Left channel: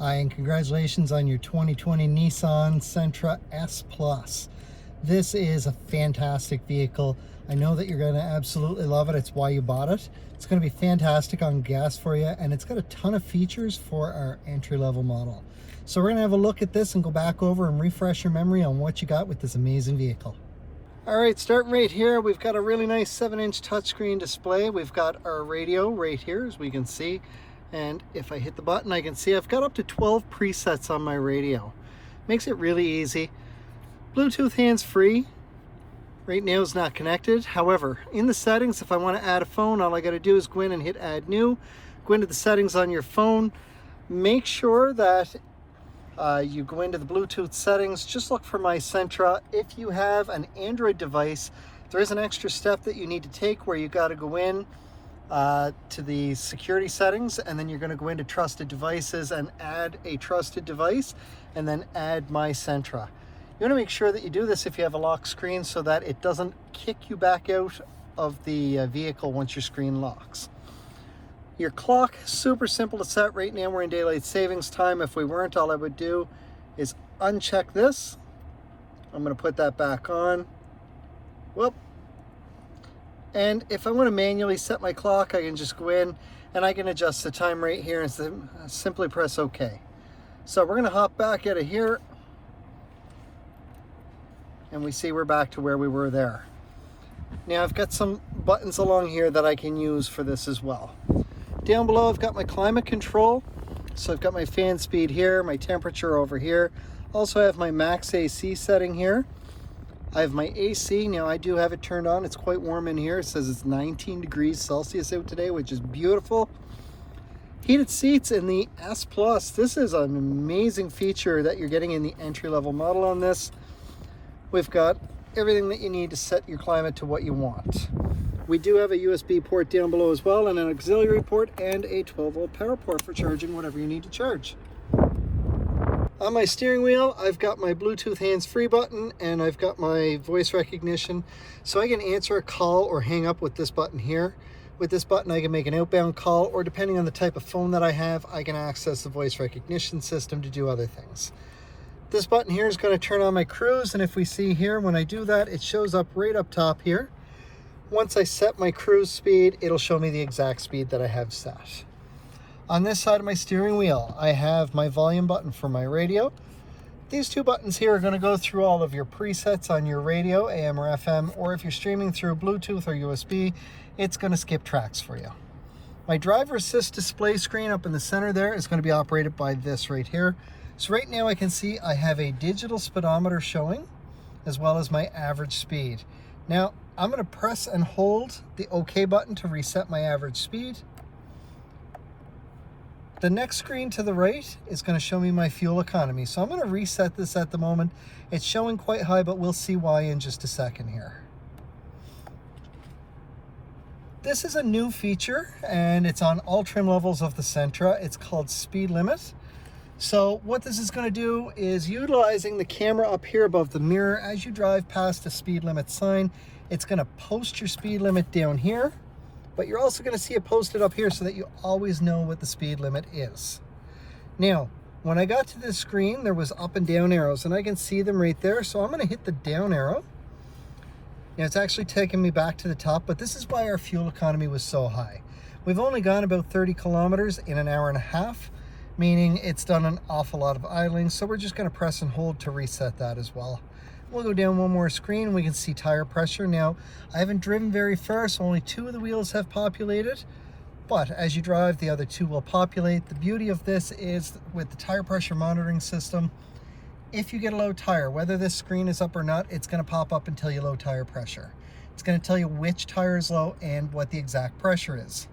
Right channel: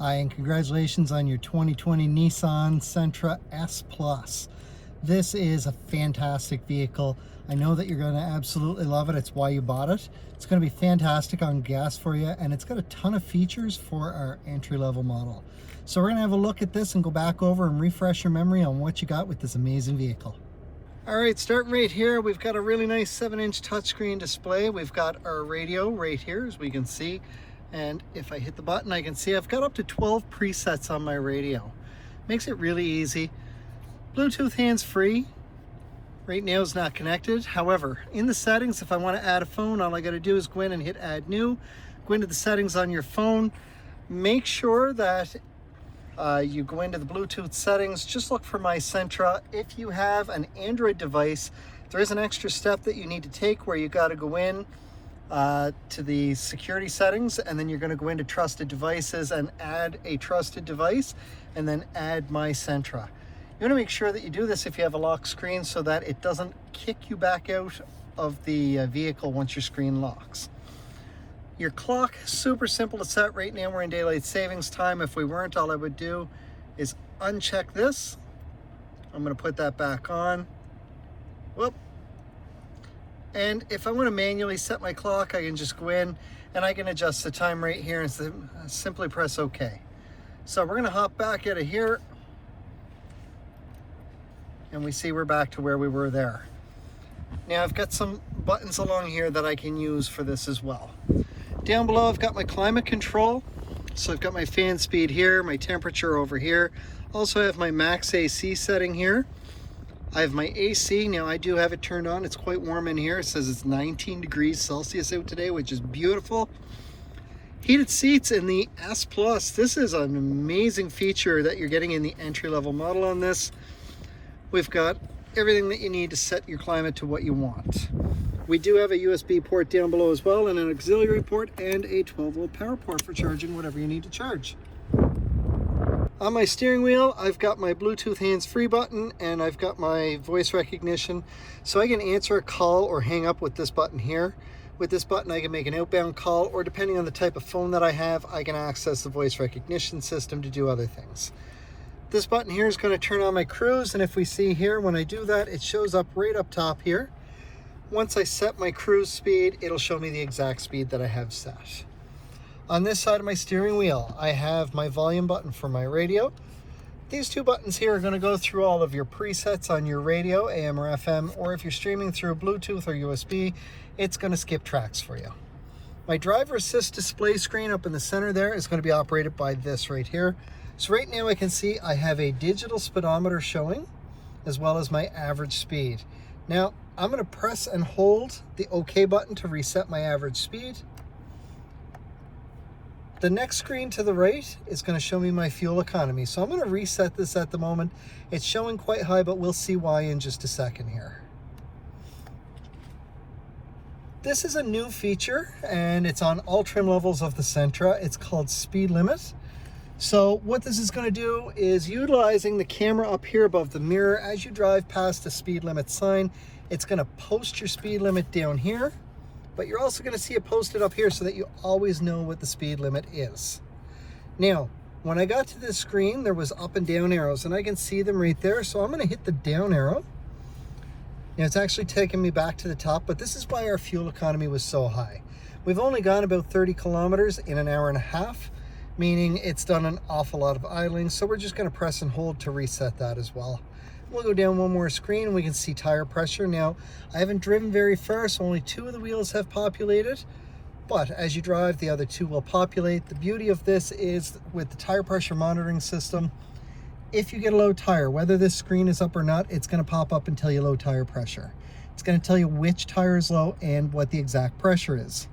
Hi, and congratulations on your 2020 Nissan Sentra S Plus. This is a fantastic vehicle. I know that you're going to absolutely love it. It's why you bought it. It's going to be fantastic on gas for you, and it's got a ton of features for our entry-level model. So we're going to have a look at this and go back over and refresh your memory on what you got with this amazing vehicle. All right, starting right here, we've got a really nice 7-inch touchscreen display. We've got our radio right here, as we can see. And if I hit the button, I can see I've got up to 12 presets on my radio. Makes it really easy. Bluetooth hands-free. Right now is not connected. However, in the settings, if I want to add a phone, all I got to do is go in and hit Add New. Go into the settings on your phone. Make sure that you go into the Bluetooth settings. Just look for My Sentra. If you have an Android device, there is an extra step that you need to take where you got to go in to the security settings, and then you're going to go into trusted devices and add a trusted device, and then add My Sentra. You want to make sure that you do this if you have a lock screen so that it doesn't kick you back out of the vehicle once your screen locks. Your clock, super simple to set. Right now we're in daylight savings time. If we weren't, all I would do is uncheck this. I'm going to put that back on. Whoop. And if I want to manually set my clock, I can just go in and I can adjust the time right here and simply press OK. So we're going to hop back out of here, and we see we're back to where we were there. Now I've got some buttons along here that I can use for this as well. Down below I've got my climate control. So I've got my fan speed here, my temperature over here. Also have my max AC setting here. I have my AC. Now I do have it turned on. It's quite warm in here. It says it's 19 degrees Celsius out today, which is beautiful. Heated seats in the S Plus. This is an amazing feature that you're getting in the entry-level model on this. We've got everything that you need to set your climate to what you want. We do have a USB port down below as well, and an auxiliary port and a 12-volt power port for charging whatever you need to charge. On my steering wheel, I've got my Bluetooth hands-free button, and I've got my voice recognition. So I can answer a call or hang up with this button here. With this button, I can make an outbound call, or depending on the type of phone that I have, I can access the voice recognition system to do other things. This button here is going to turn on my cruise, and if we see here, when I do that, it shows up right up top here. Once I set my cruise speed, it'll show me the exact speed that I have set. On this side of my steering wheel, I have my volume button for my radio. These two buttons here are going to go through all of your presets on your radio, AM or FM, or if you're streaming through Bluetooth or USB, it's going to skip tracks for you. My driver assist display screen up in the center there is going to be operated by this right here. So right now I can see I have a digital speedometer showing, as well as my average speed. Now I'm going to press and hold the OK button to reset my average speed. The next screen to the right is going to show me my fuel economy. So I'm going to reset this at the moment. It's showing quite high, but we'll see why in just a second here. This is a new feature, and it's on all trim levels of the Sentra. It's called Speed Limit. So what this is going to do is, utilizing the camera up here above the mirror, as you drive past the speed limit sign, it's going to post your speed limit down here. But you're also going to see it posted up here so that you always know what the speed limit is. Now, when I got to this screen, there was up and down arrows, and I can see them right there. So I'm going to hit the down arrow. Now, it's actually taking me back to the top, but this is why our fuel economy was so high. We've only gone about 30 kilometers in an hour and a half, meaning it's done an awful lot of idling. So we're just going to press and hold to reset that as well. We'll go down one more screen and we can see tire pressure. Now, I haven't driven very far, so only 2 of the wheels have populated. But as you drive, the other 2 will populate. The beauty of this is, with the tire pressure monitoring system, if you get a low tire, whether this screen is up or not, it's going to pop up and tell you low tire pressure. It's going to tell you which tire is low and what the exact pressure is.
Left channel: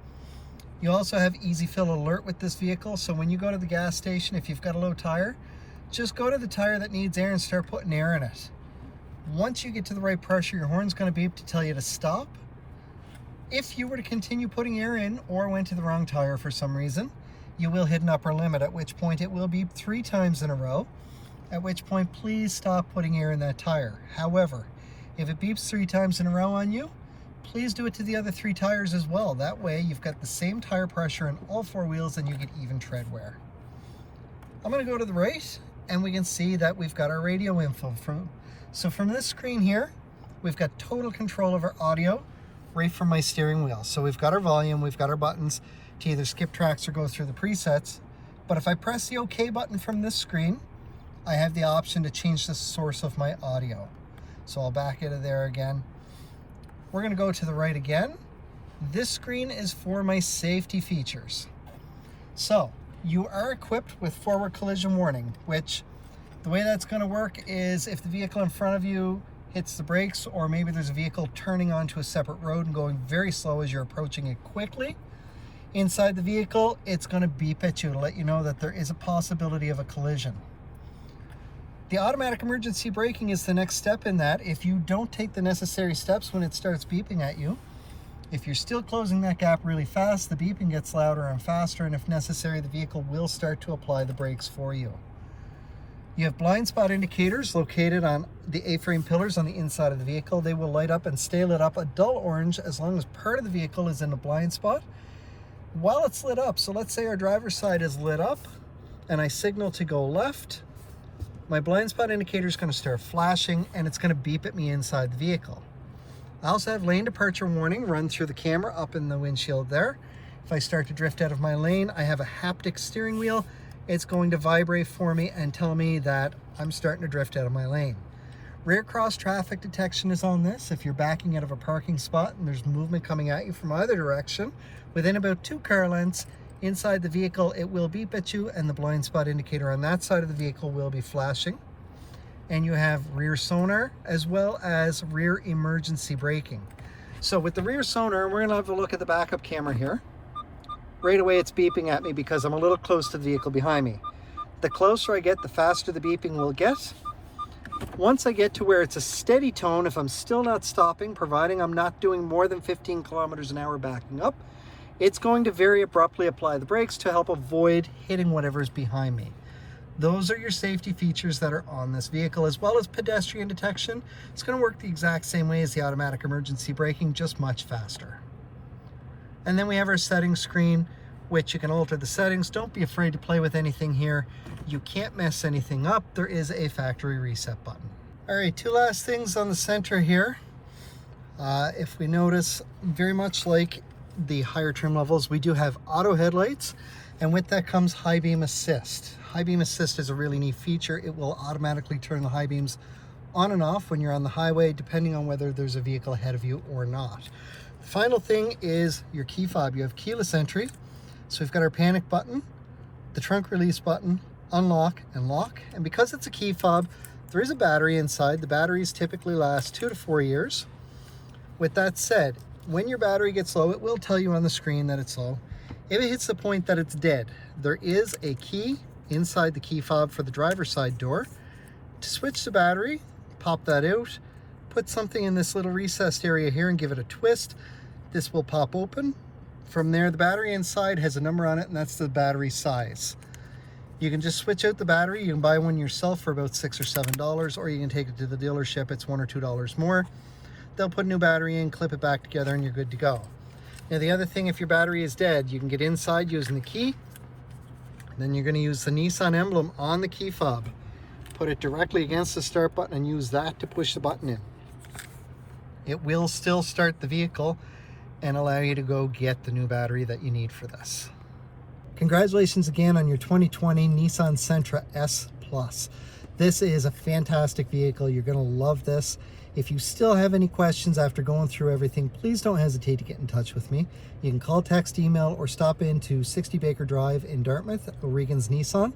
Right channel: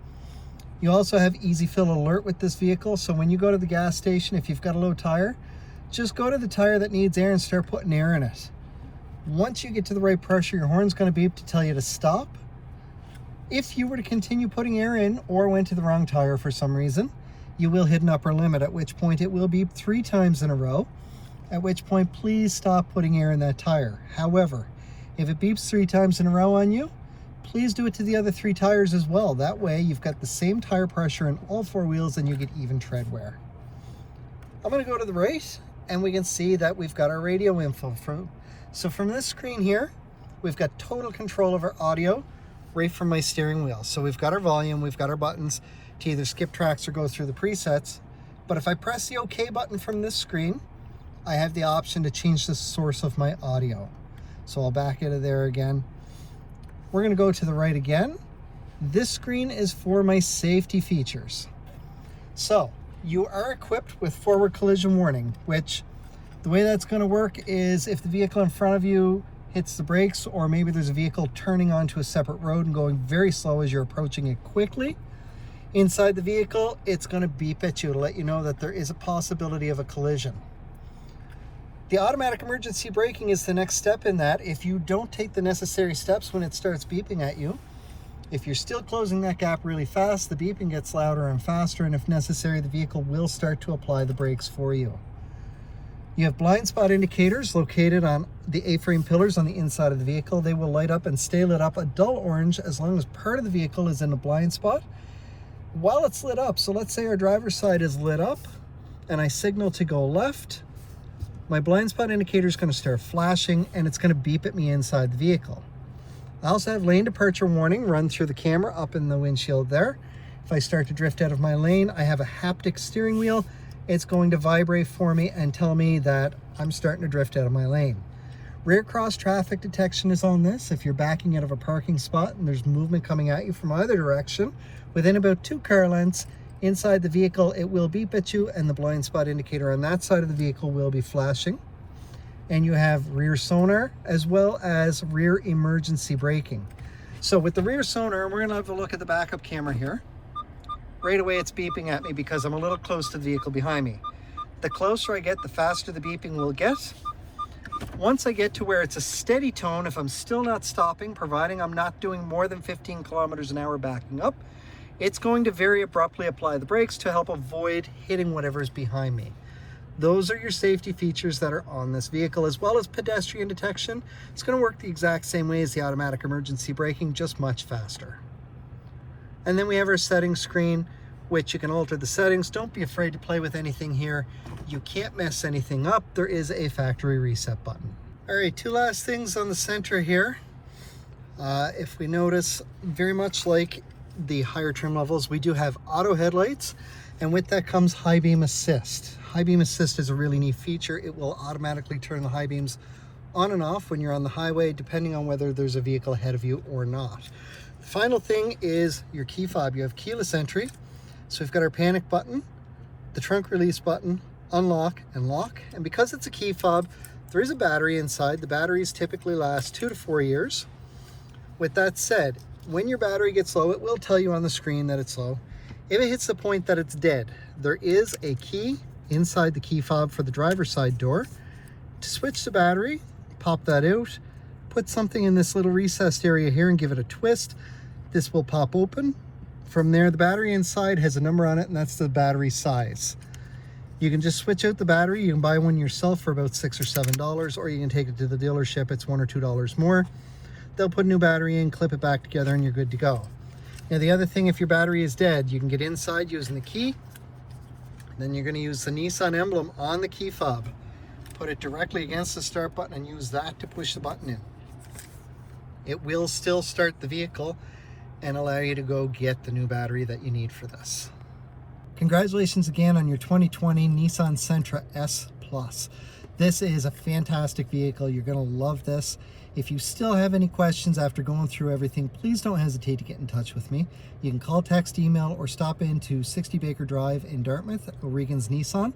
You also have Easy Fill Alert with this vehicle, so when you go to the gas station, if you've got a low tire, just go to the tire that needs air and start putting air in it. Once you get to the right pressure, your horn's going to beep to tell you to stop. If you were to continue putting air in or went to the wrong tire for some reason, you will hit an upper limit, at which point it will beep 3 times in a row, at which point please stop putting air in that tire. However, if it beeps 3 times in a row on you, please do it to the other 3 tires as well. That way you've got the same tire pressure in all 4 wheels and you get even tread wear. I'm going to go to the right, and we can see that we've got our radio info. So from this screen here, we've got total control of our audio right from my steering wheel. So we've got our volume, we've got our buttons to either skip tracks or go through the presets. But if I press the OK button from this screen, I have the option to change the source of my audio. So I'll back into there again. We're going to go to the right again. This screen is for my safety features. So you are equipped with forward collision warning, which the way that's going to work is if the vehicle in front of you hits the brakes, or maybe there's a vehicle turning onto a separate road and going very slow as you're approaching it quickly, inside the vehicle, it's going to beep at you to let you know that there is a possibility of a collision. The automatic emergency braking is the next step in that. If you don't take the necessary steps when it starts beeping at you, if you're still closing that gap really fast, the beeping gets louder and faster, and if necessary, the vehicle will start to apply the brakes for you. You have blind spot indicators located on the A-frame pillars on the inside of the vehicle. They will light up and stay lit up a dull orange as long as part of the vehicle is in a blind spot while it's lit up. So let's say our driver's side is lit up and I signal to go left. My blind spot indicator is going to start flashing and it's going to beep at me inside the vehicle. I also have lane departure warning run through the camera up in the windshield there. If I start to drift out of my lane, I have a haptic steering wheel. It's going to vibrate for me and tell me that I'm starting to drift out of my lane. Rear cross traffic detection is on this. If you're backing out of a parking spot and there's movement coming at you from either direction, within about 2 car lengths inside the vehicle, it will beep at you and the blind spot indicator on that side of the vehicle will be flashing. And you have rear sonar as well as rear emergency braking. So with the rear sonar, we're going to have a look at the backup camera here. Right away it's beeping at me because I'm a little close to the vehicle behind me. The closer I get, the faster the beeping will get. Once I get to where it's a steady tone, if I'm still not stopping, providing I'm not doing more than 15 kilometers an hour backing up, it's going to very abruptly apply the brakes to help avoid hitting whatever's behind me. Those are your safety features that are on this vehicle, as well as pedestrian detection. It's going to work the exact same way as the automatic emergency braking, just much faster. And then we have our settings screen, which you can alter the settings. Don't be afraid to play with anything here. You can't mess anything up. There is a factory reset button. All right, 2 last things on the Sentra here. If we notice, very much like the higher trim levels, we do have auto headlights, and with that comes high beam assist. High beam assist is a really neat feature. It will automatically turn the high beams on and off when you're on the highway, depending on whether there's a vehicle ahead of you or not. The final thing is your key fob. You have keyless entry. So we've got our panic button, the trunk release button, unlock and lock. And because it's a key fob, there is a battery inside. The batteries typically last 2 to 4 years. With that said, when your battery gets low, it will tell you on the screen that it's low. If it hits the point that it's dead, there is a key inside the key fob for the driver's side door. To switch the battery, pop that out, put something in this little recessed area here and give it a twist. This will pop open. From there, the battery inside has a number on it, and that's the battery size. You can just switch out the battery. You can buy one yourself for about $6 or $7, or you can take it to the dealership. It's $1 or $2 more. They'll put a new battery in, clip it back together, and you're good to go. Now, the other thing, if your battery is dead, you can get inside using the key. Then you're going to use the Nissan emblem on the key fob. Put it directly against the start button and use that to push the button in. It will still start the vehicle and allow you to go get the new battery that you need for this. Congratulations again on your 2020 Nissan Sentra S Plus. This is a fantastic vehicle. You're going to love this. If you still have any questions after going through everything, please don't hesitate to get in touch with me. You can call, text, email, or stop into 60 Baker Drive in Dartmouth, O'Regan's Nissan.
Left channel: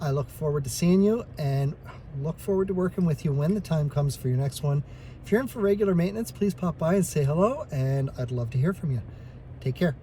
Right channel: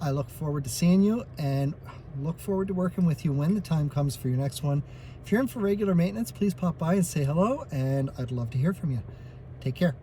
I look forward to seeing you and look forward to working with you when the time comes for your next one. If you're in for regular maintenance, please pop by and say hello, and I'd love to hear from you. Take care.